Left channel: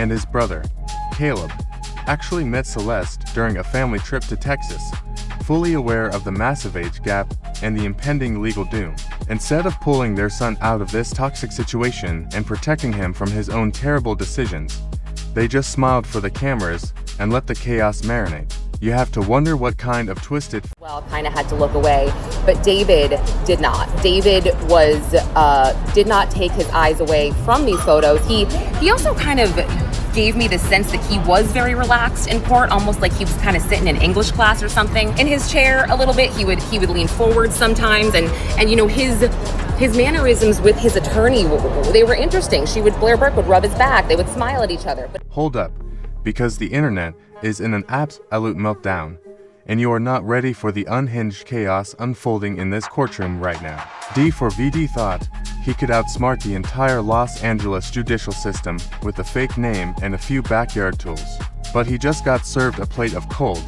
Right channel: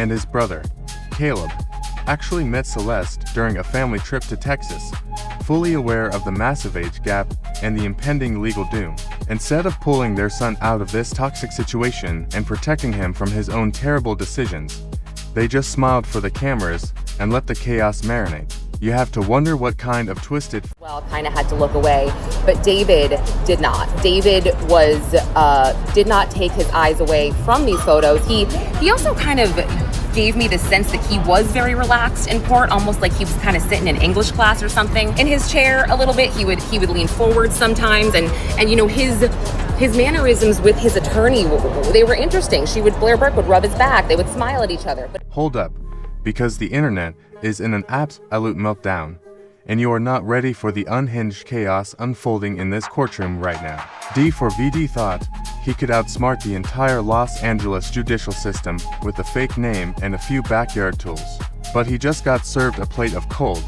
and his brother, Caleb, actually met Celeste during a family trip to Texas, fully aware of the massive age gap and the impending legal doom. Instead of pulling their son out of this toxic situation and protecting him from his own terrible decisions, they just smiled for the cameras and let the chaos marinate. You have to wonder what kind of twisted... Well, kind of had to look away, but David did not. David did not take his eyes away from these photos. He also kind of gave me the sense that he was very relaxed in court, almost like he was kind of sitting in English class or something in his chair a little bit. He would lean forward sometimes, and you know, his mannerisms with his attorney, they were interesting. Blair Burke would rub his back, they would smile at each other. But hold up, because the internet is in an absolute meltdown, and you are not ready for the unhinged chaos unfolding in this courtroom right now. D4VD thought he could outsmart the entire Los Angeles judicial system with a fake name and a few backyard tools, but he just got served a plate of cold,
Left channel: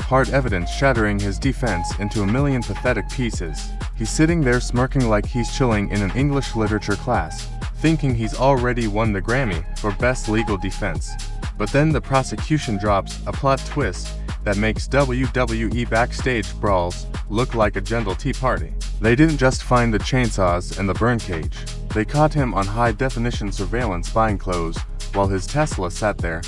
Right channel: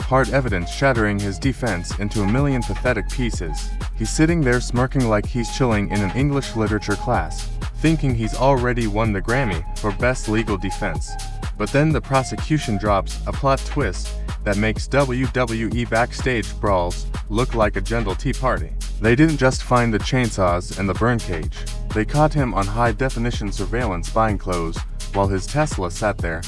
hard evidence shattering his defense into a million pathetic pieces. He's sitting there smirking like he's chilling in an English literature class, thinking he's already won the Grammy for Best Legal Defense. But then the prosecution drops a plot twist that makes WWE backstage brawls look like a gentle tea party. They didn't just find the chainsaws and the burn cage. They caught him on high-definition surveillance buying clothes while his Tesla sat there,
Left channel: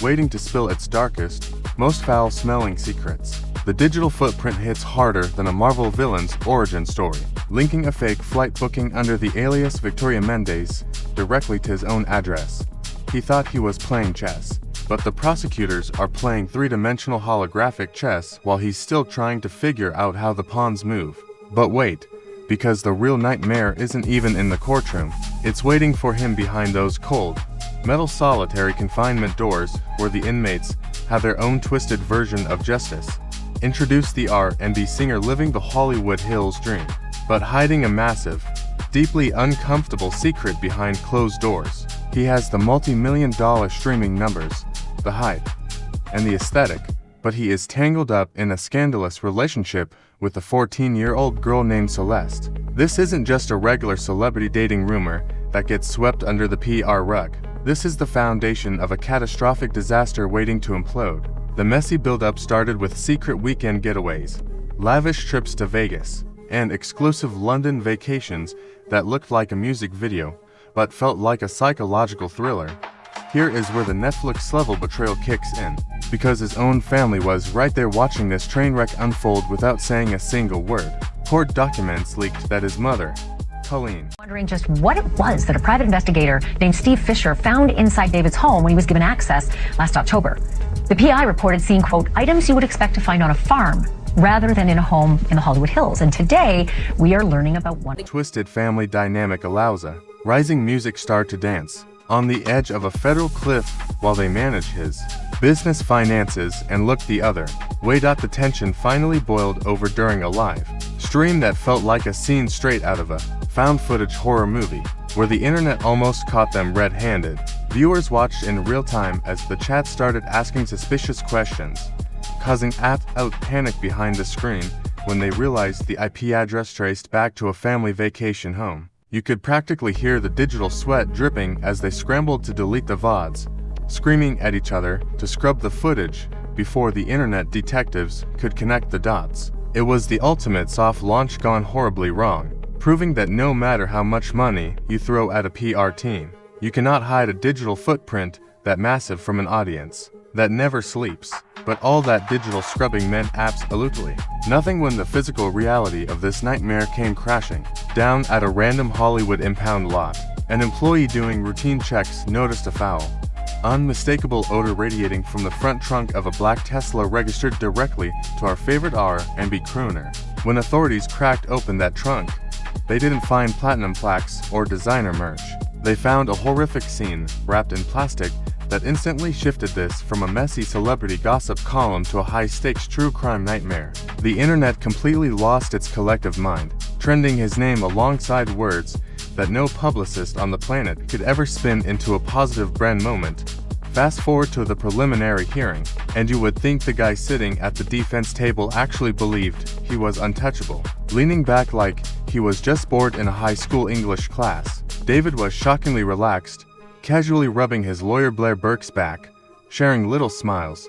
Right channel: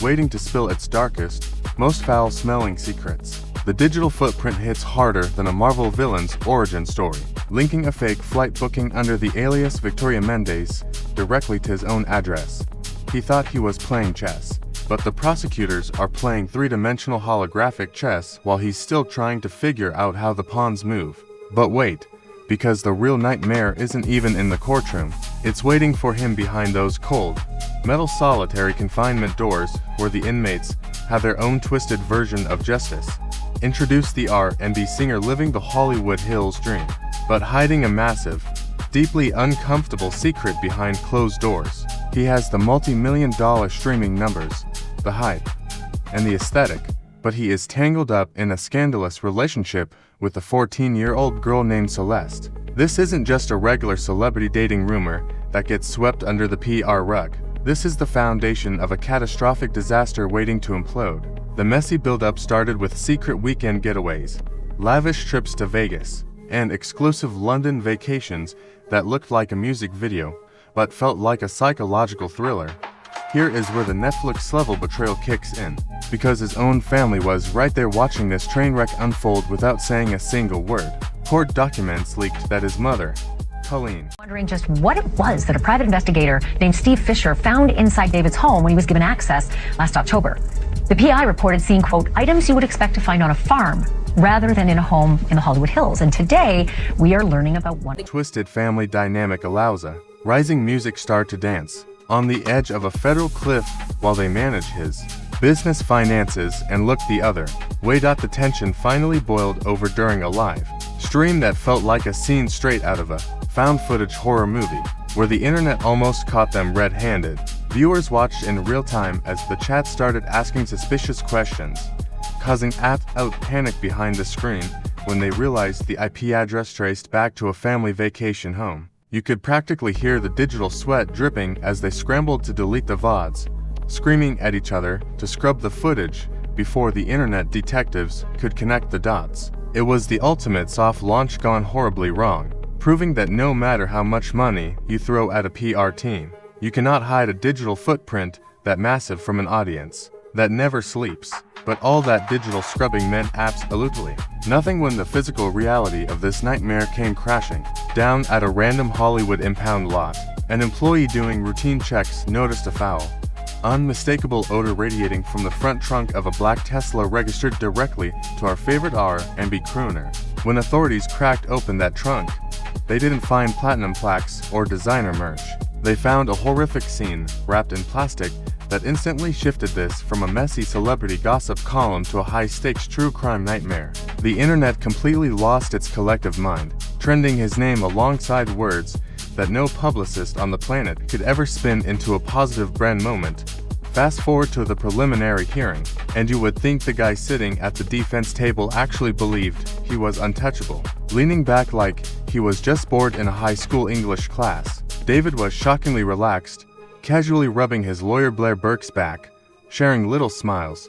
waiting to spill its darkest, most foul-smelling secrets. The digital footprint hits harder than a Marvel villain's origin story, linking a fake flight booking under the alias Victoria Mendez directly to his own address. He thought he was playing chess, but the prosecutors are playing three-dimensional holographic chess while he's still trying to figure out how the pawns move. But wait, because the real nightmare isn't even in the courtroom. It's waiting for him behind those cold, metal solitary confinement doors where the inmates have their own twisted version of justice. Introduce the R&B singer living the Hollywood Hills dream, but hiding a massive, deeply uncomfortable secret behind closed doors. He has the multi-million-dollar streaming numbers, the hype, and the aesthetic, but he is tangled up in a scandalous relationship with a 14-year-old girl named Celeste. This isn't just a regular celebrity dating rumor that gets swept under the PR rug. This is the foundation of a catastrophic disaster waiting to implode. The messy buildup started with secret weekend getaways, lavish trips to Vegas, and exclusive London vacations that looked like a music video, but felt like a psychological thriller. Here is where the Netflix-level betrayal kicks in, because his own family was right there watching this train wreck unfold without saying a single word. Court documents leaked that his mother, Colleen, wondering just what it was that a private investigator named Steve Fisher found inside David's home when he was given access last October. The PI reported seeing, quote, items you would expect to find on a farm rather than in a home in the Hollywood Hills. And today, we are learning about one twisted family dynamic allows a rising music star to dance on the edge of a federal cliff while they manage his business finances and look the other way. The tension finally boiled over during a live stream that felt like a scene straight out of a found footage horror movie, where the internet almost caught them red-handed. Viewers watched in real time as the chat started asking suspicious questions, causing out panic behind the screen when they realized the IP address traced back to a family vacation home. You could practically hear the digital sweat dripping as they scrambled to delete the VODs, screaming at each other to scrub the footage before the internet detectives could connect the dots. It was the ultimate soft launch gone horribly wrong, proving that no matter how much money you throw at a PR team, you cannot hide a digital footprint that massive from an audience that never sleeps. But all that digital scrubbing meant absolutely nothing when the physical reality of this nightmare came crashing down at a random Hollywood impound lot. An employee doing routine checks noticed a foul, unmistakable odor radiating from the front trunk of a black Tesla registered directly to our favorite R&B crooner. When authorities cracked open that trunk, they didn't find platinum plaques or designer merch. They found a horrific scene wrapped in plastic that instantly shifted this from a messy celebrity gossip column to a high-stakes true crime nightmare. The internet completely lost its collective mind, trending his name alongside words that no publicist on the planet could ever spin into a positive brand moment. Fast forward to the preliminary hearing, and you would think the guy sitting at the defense table actually believed he was untouchable. Leaning back like he was just bored in a high school English class, David was shockingly relaxed, casually rubbing his lawyer Blair Burke's back, sharing little smiles,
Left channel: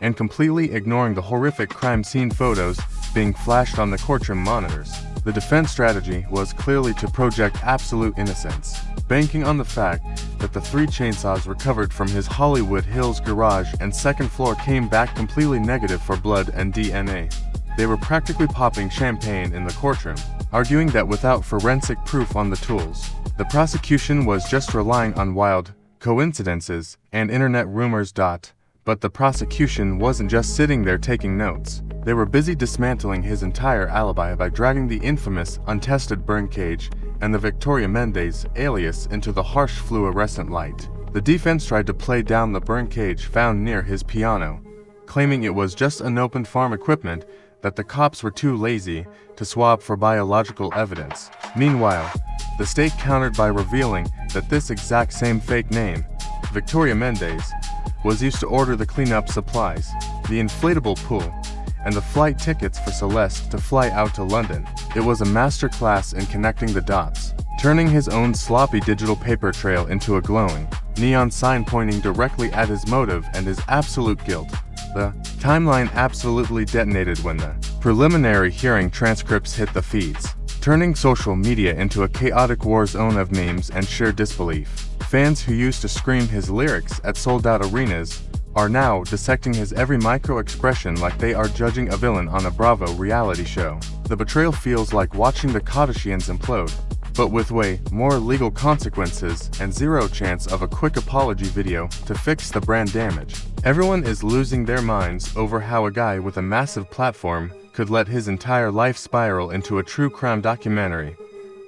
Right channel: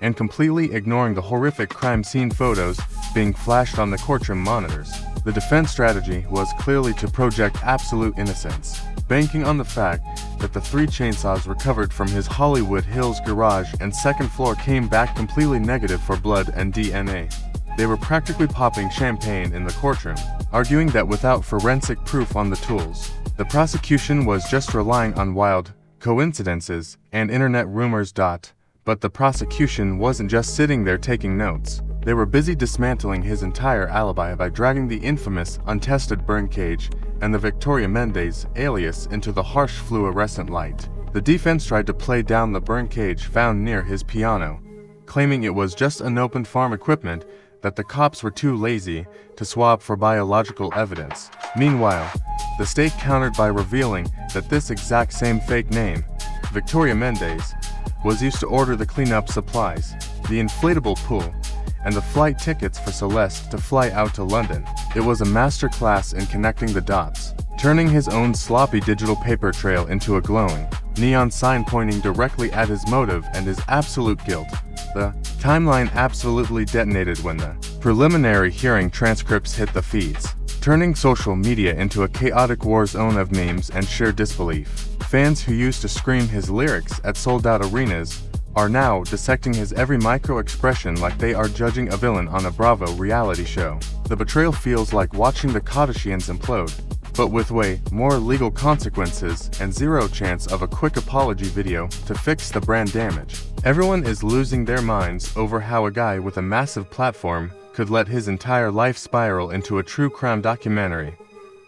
and completely ignoring the horrific crime scene photos being flashed on the courtroom monitors. The defense strategy was clearly to project absolute innocence, banking on the fact that the 3 chainsaws recovered from his Hollywood Hills garage and second floor came back completely negative for blood and DNA. They were practically popping champagne in the courtroom, arguing that without forensic proof on the tools, the prosecution was just relying on wild coincidences and internet rumors. But the prosecution wasn't just sitting there taking notes. They were busy dismantling his entire alibi by dragging the infamous untested burn cage and the Victoria Mendez alias into the harsh fluorescent light. The defense tried to play down the burn cage found near his piano, claiming it was just unopened farm equipment that the cops were too lazy to swab for biological evidence. Meanwhile, the state countered by revealing that this exact same fake name, Victoria Mendez, was used to order the cleanup supplies, the inflatable pool, and the flight tickets for Celeste to fly out to London. It was a masterclass in connecting the dots, turning his own sloppy digital paper trail into a glowing neon sign pointing directly at his motive and his absolute guilt. The timeline absolutely detonated when the preliminary hearing transcripts hit the feeds, turning social media into a chaotic war zone of memes and sheer disbelief. Fans who used to scream his lyrics at sold-out arenas are now dissecting his every micro-expression like they are judging a villain on a Bravo reality show. The betrayal feels like watching the Kardashians implode, but with way more legal consequences and zero chance of a quick apology video to fix the brand damage. Everyone is losing their minds over how a guy with a massive platform could let his entire life spiral into a true crime documentary.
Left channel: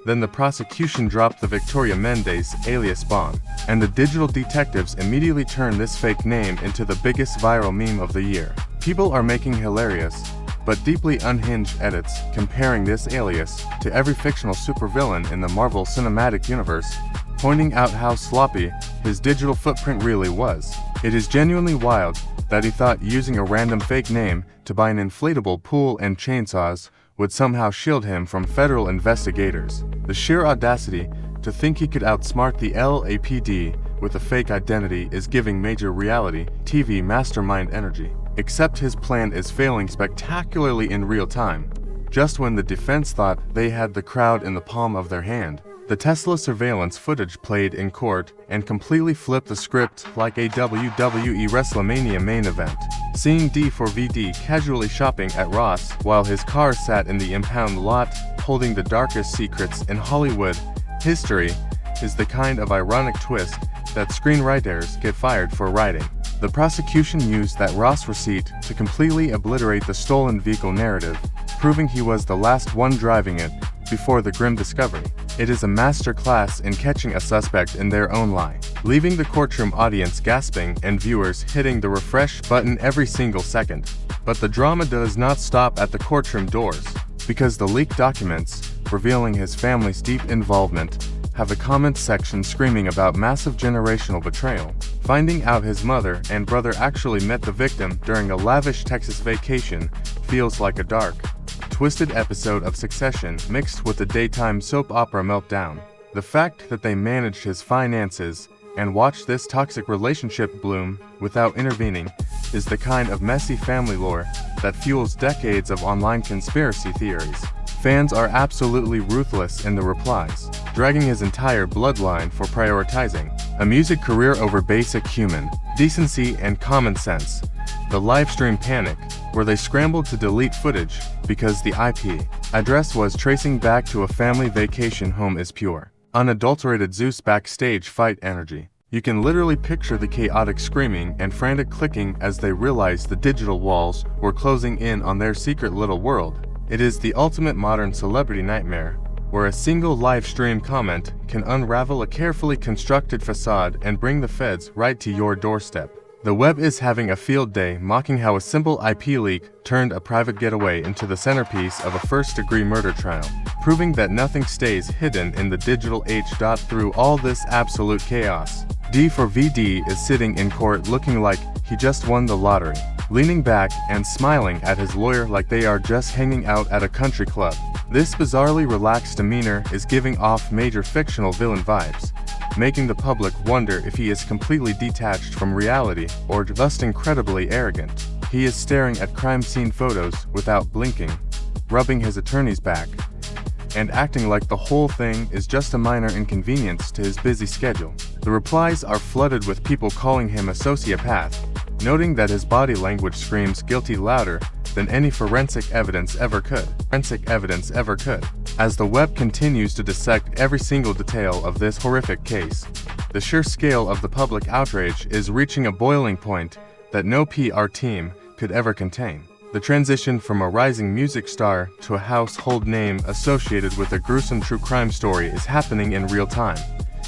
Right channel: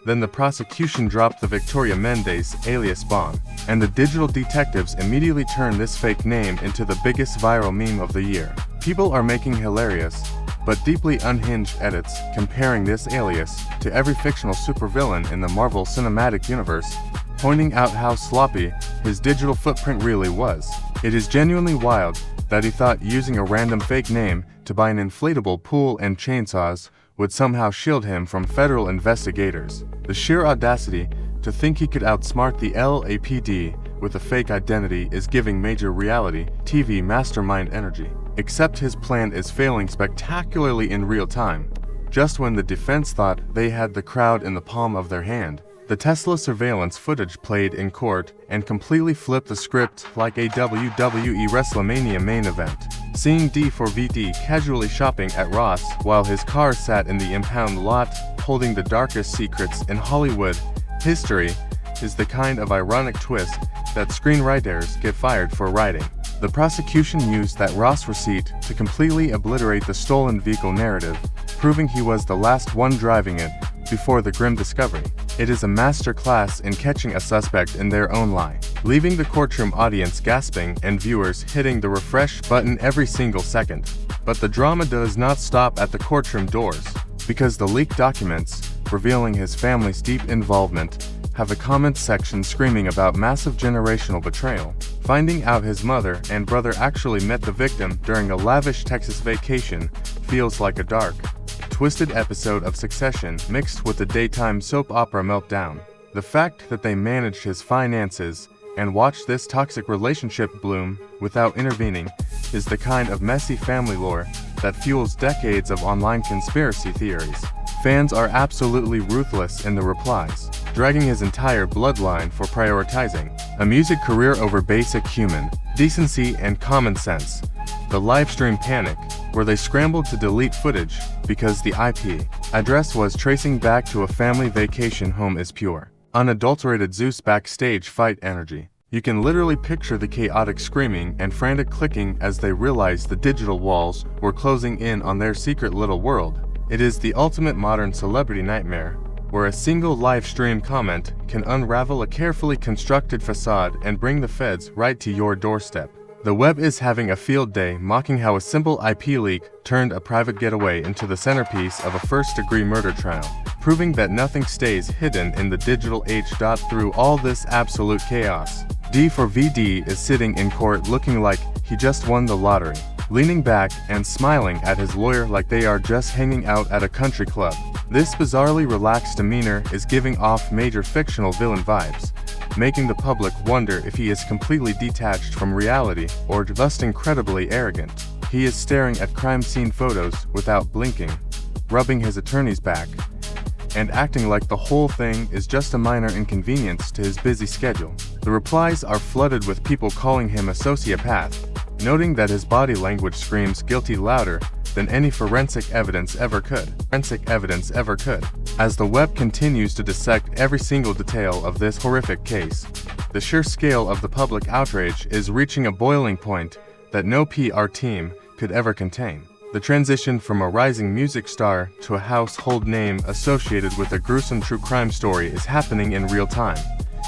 Then the prosecution dropped the Victoria Mendez alias bomb, and the digital detectives immediately turned this fake name into the biggest viral meme of the year. People are making hilarious, but deeply unhinged edits comparing this alias to every fictional supervillain in the Marvel Cinematic Universe, pointing out how sloppy his digital footprint really was. It is genuinely wild that he thought using a random fake name to buy an inflatable pool and chainsaws would somehow shield him from federal investigators. The sheer audacity to think he could outsmart the LAPD with a fake identity is giving major reality TV mastermind energy. Except his plan is failing spectacularly in real time. Just when the defense thought they had the crowd in the palm of their hand, the Tesla surveillance footage played in court and completely flipped the script like a WWE WrestleMania main event. Seeing D4VD casually shopping at Ross while his car sat in the impound lot holding the darkest secrets in Hollywood history is the kind of ironic twist that screenwriters get fired for writing. The prosecution used that Ross receipt to completely obliterate the stolen vehicle narrative, proving he was the last one driving it before the grim discovery. It is a master class in catching a suspect in their own lie, leaving the courtroom audience gasping and viewers hitting the refresh button every single second. But the drama does not stop at the courtroom doors, because the leaked documents, revealing his family's deep involvement, have a comment section screaming about massive generational betrayal. Finding out his mother and brother actually met the victim during a lavish Texas vacation feels like a dark, twisted episode of Succession mixed with a daytime soap opera meltdown. The fact that they managed his finances and watched this toxic relationship bloom without intervening is the kind of messy family lore that fuels decades of online conspiracy theories. Fans are absolutely ruthless in the replies, dragging his entire bloodline for prioritizing a music career over basic human decency and common sense. The livestream panic, where they scrambled to delete footage because the IP address was tracing back to a family vacation home, is pure, unadulterated Zeus backstage fight energy. You can literally picture the chaotic screaming and frantic clicking as they realized the digital walls were closing in on their secret little world. It is the ultimate modern celebrity nightmare, where a single live stream comment can unravel a carefully constructed facade and bring the feds right to your doorstep. The web is having a field day mocking how a simple IP leak turned a private getaway into the centerpiece of a first-degree murder trial, proving that nothing stays hidden in the digital age. Through all this absolute chaos, D4VD is sitting in court looking like he just won the lottery, leaning back and smiling at his lawyer like they are just hanging out at a country club. This bizarrely relaxed demeanor is giving off major fictional villain vibes, making the public wonder if he is completely detached from reality or just incredibly arrogant. He is staring at crime scene photos without blinking, rubbing his attorney's back, and acting like the whole thing is just a minor inconvenience to his busy schedule. The replies are flooded with people calling him a sociopath, noting that his body language screams guilty louder than any forensic evidence ever could. As the web continues to dissect every single detail of this horrific case, the sheer scale of the public outrage is reaching a boiling point that no PR team could ever contain. The transition from a rising music star to a household name associated with a gruesome true crime story is happening in real time,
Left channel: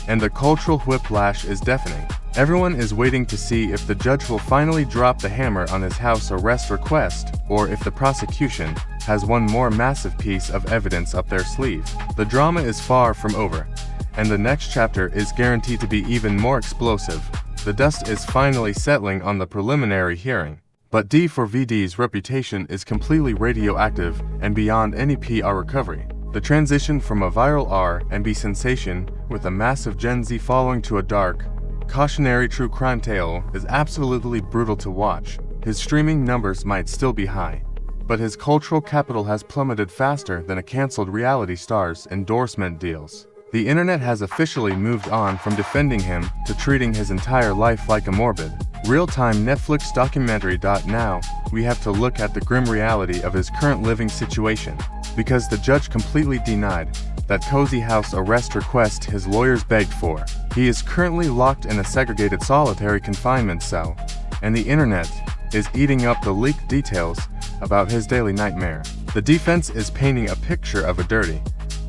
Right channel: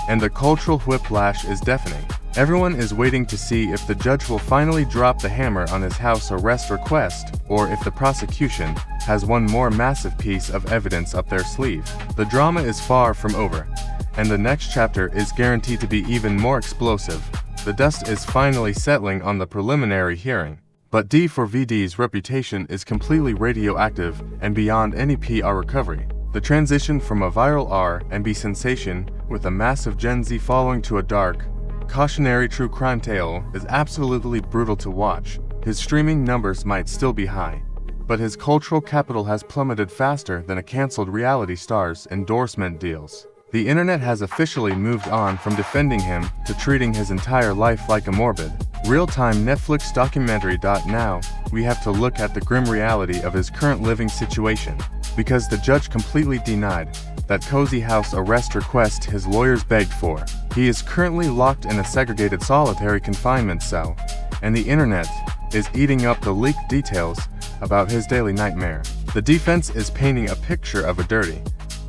and the cultural whiplash is deafening. Everyone is waiting to see if the judge will finally drop the hammer on his house arrest request, or if the prosecution has one more massive piece of evidence up their sleeve. The drama is far from over, and the next chapter is guaranteed to be even more explosive. The dust is finally settling on the preliminary hearing. But D4VD's reputation is completely radioactive and beyond any PR recovery. The transition from a viral R&B sensation with a massive Gen Z following to a dark, cautionary true crime tale is absolutely brutal to watch. His streaming numbers might still be high, but his cultural capital has plummeted faster than a canceled reality star's endorsement deals. The internet has officially moved on from defending him to treating his entire life like a morbid, real-time Netflix documentary. Now, we have to look at the grim reality of his current living situation, because the judge completely denied that cozy house arrest request his lawyers begged for. He is currently locked in a segregated solitary confinement cell, and the internet is eating up the leaked details about his daily nightmare. The defense is painting a picture of a dirty,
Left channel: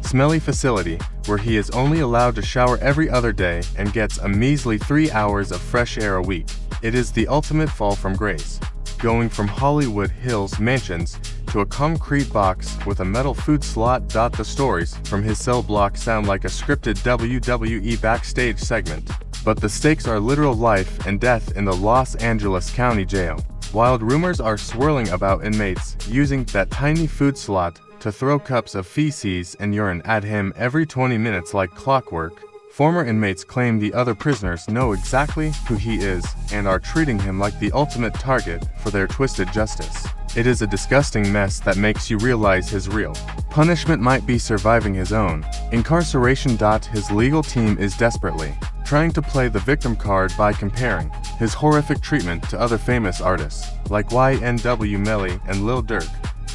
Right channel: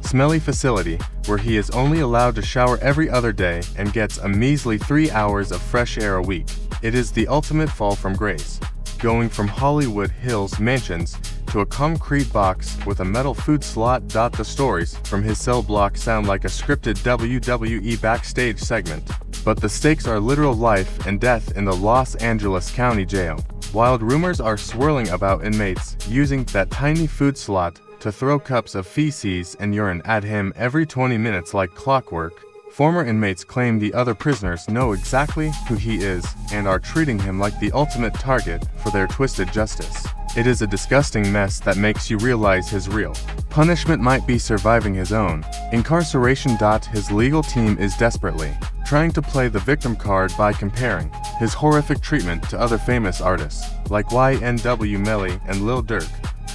smelly facility where he is only allowed to shower every other day and gets a measly 3 hours of fresh air a week. It is the ultimate fall from grace, going from Hollywood Hills mansions to a concrete box with a metal food slot. The stories from his cell block sound like a scripted WWE backstage segment, but the stakes are literal life and death in the Los Angeles County Jail. Wild rumors are swirling about inmates using that tiny food slot to throw cups of feces and urine at him every 20 minutes like clockwork. Former inmates claim the other prisoners know exactly who he is and are treating him like the ultimate target for their twisted justice. It is a disgusting mess that makes you realize his real punishment might be surviving his own incarceration. His legal team is desperately trying to play the victim card by comparing his horrific treatment to other famous artists like YNW Melly and Lil Durk.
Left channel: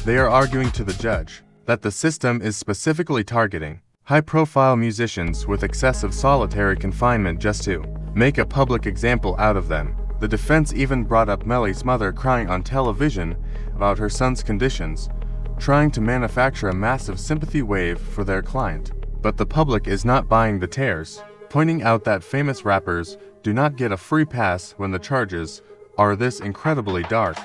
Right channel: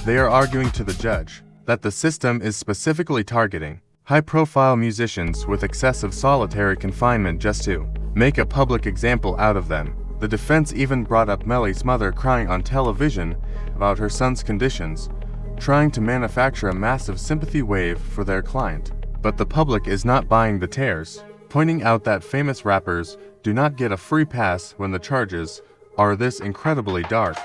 They are arguing to the judge that the system is specifically targeting high-profile musicians with excessive solitary confinement just to make a public example out of them. The defense even brought up Melly's mother crying on television about her son's conditions, trying to manufacture a massive sympathy wave for their client. But the public is not buying the tears, pointing out that famous rappers do not get a free pass when the charges are this incredibly dark.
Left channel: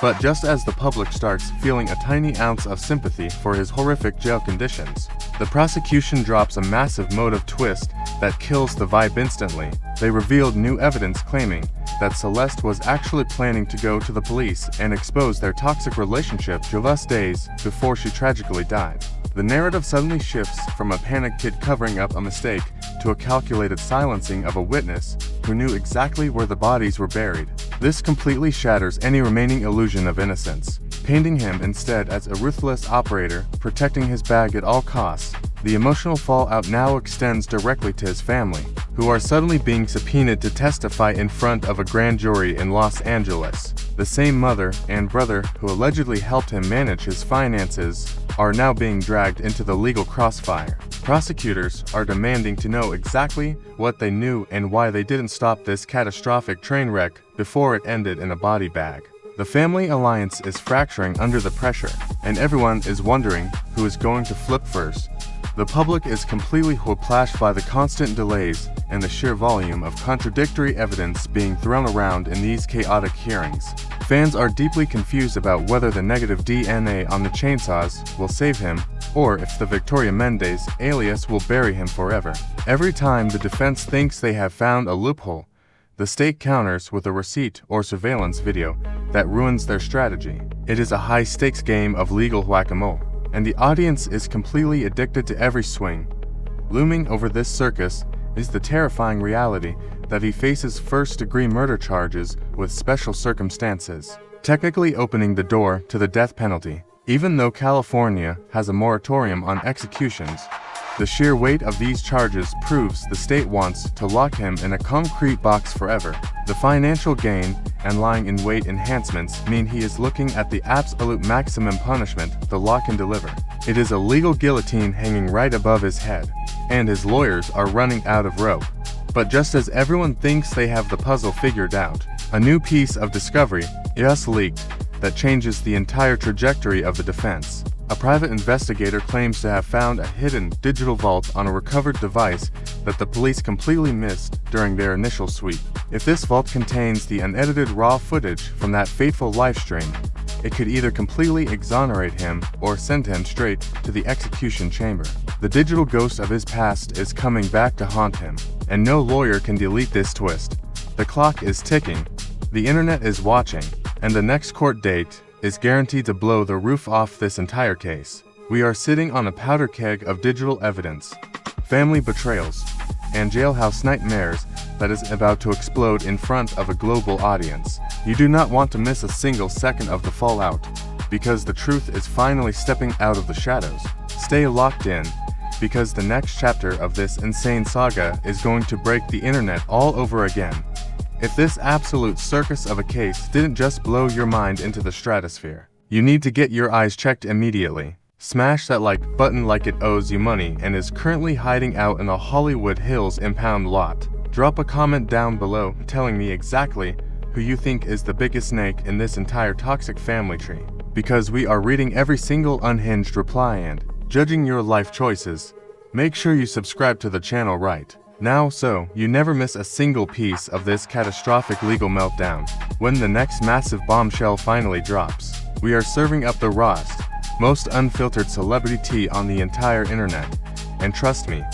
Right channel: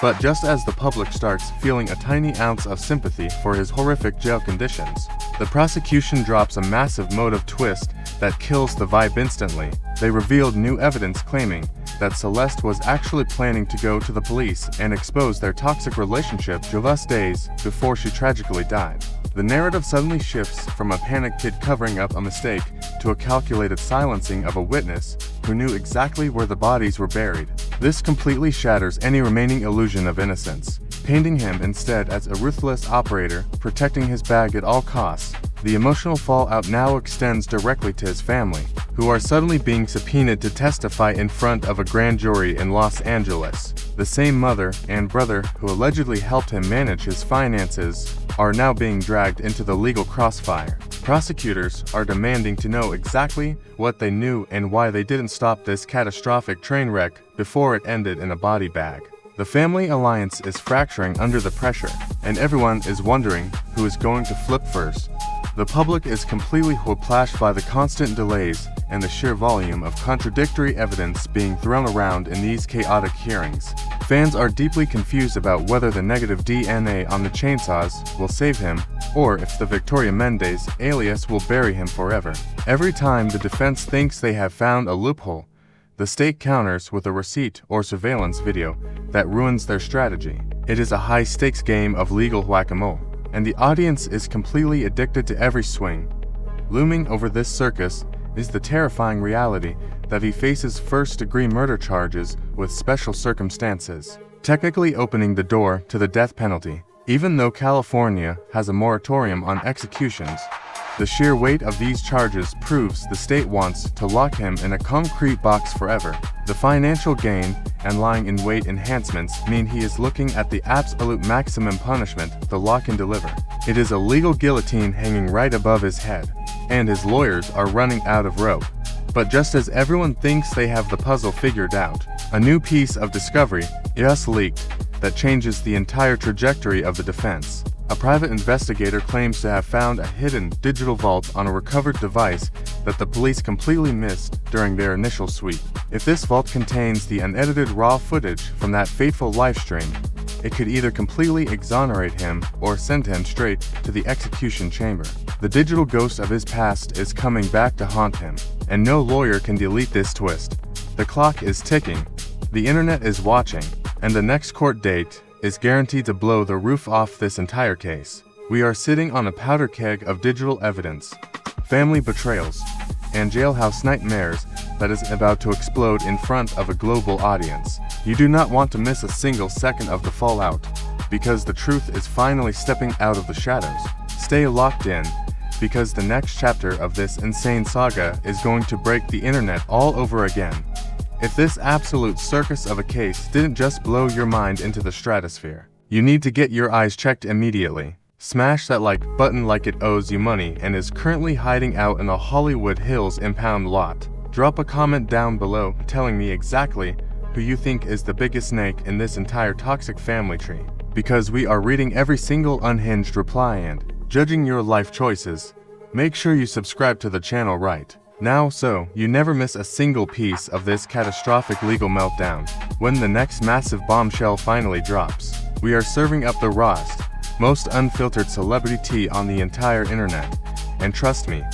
But just as the public starts feeling a tiny ounce of sympathy for his horrific jail conditions, the prosecution drops a massive motive twist that kills the vibe instantly. They revealed new evidence claiming that Celeste was actually planning to go to the police and expose their toxic relationship just days before she tragically died. The narrative suddenly shifts from a panicked kid covering up a mistake to a calculated silencing of a witness who knew exactly where the bodies were buried. This completely shatters any remaining illusion of innocence, painting him instead as a ruthless operator protecting his bag at all costs. The emotional fallout now extends directly to his family, who are suddenly being subpoenaed to testify in front of a grand jury in Los Angeles. The same mother and brother who allegedly helped him manage his finances are now being dragged into the legal crossfire. Prosecutors are demanding to know exactly what they knew and why they didn't stop this catastrophic train wreck before it ended in a body bag. The family alliance is fracturing under the pressure, and everyone is wondering who is going to flip first. The public is completely whiplashed by the constant delays and the sheer volume of contradictory evidence being thrown around in these chaotic hearings. Fans are deeply confused about whether the negative DNA on the chainsaws will save him, or if the Victoria Mendes alias will bury him forever. Every time the defense thinks they have found a loophole, the state counters with a receipt or surveillance video that ruins their strategy. It is a high-stakes game of legal whack-a-mole, and the audience is completely addicted to every swing. Looming over this circus is the terrifying reality that he faces first-degree murder charges with special circumstances, technically opening the door to the death penalty. Even though California has a moratorium on executions, the sheer weight of these charges proves the state wants to lock him in a concrete box forever. The financial gain and lying in wait enhancements mean he is looking at the absolute maximum punishment the law can deliver. It is a legal guillotine hanging right above his head, and his lawyers are running out of rope. But just as everyone thinks they have the puzzle figured out, a new piece of discovery just leaked that changes the entire trajectory of the defense. A private investigator claims to have found a hidden digital vault on a recovered device that the police completely missed during their initial sweep. If this vault contains the unedited raw footage from that fateful live stream, it could either completely exonerate him or send him straight to the execution chamber. The digital ghost of his past is coming back to haunt him, and no lawyer can delete this twist. The clock is ticking, the internet is watching, and the next court date is guaranteed to blow the roof off this entire case. We are sitting on a powder keg of digital evidence, family betrayals, and jailhouse nightmares that is about to explode in front of a global audience. You do not want to miss a single second of the fallout, because the truth is finally stepping out of the shadows. Stay locked in, because the next chapter of this insane saga is going to break the internet all over again. If this absolute circus of a case didn't just blow your mind into the stratosphere, you need to get your eyes checked immediately. Smash that like button like it owes you money and is currently hiding out in the Hollywood Hills impound lot. Drop a comment down below telling me exactly who you think is the biggest snake in this entire toxic family tree, because we are reading every single unhinged reply and judging your life choices. Make sure you subscribe to the channel right now so you never miss a single piece of this catastrophic legal meltdown. When the next massive bombshell finally drops, we are serving up the rawest, most unfiltered celebrity tea on the entire internet. And trust me,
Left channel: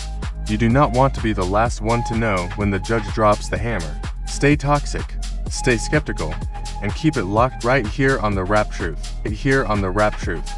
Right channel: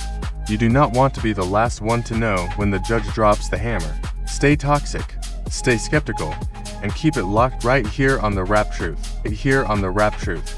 you do not want to be the last one to know when the judge drops the hammer. Stay toxic, stay skeptical, and keep it locked right here on The Rap Truth.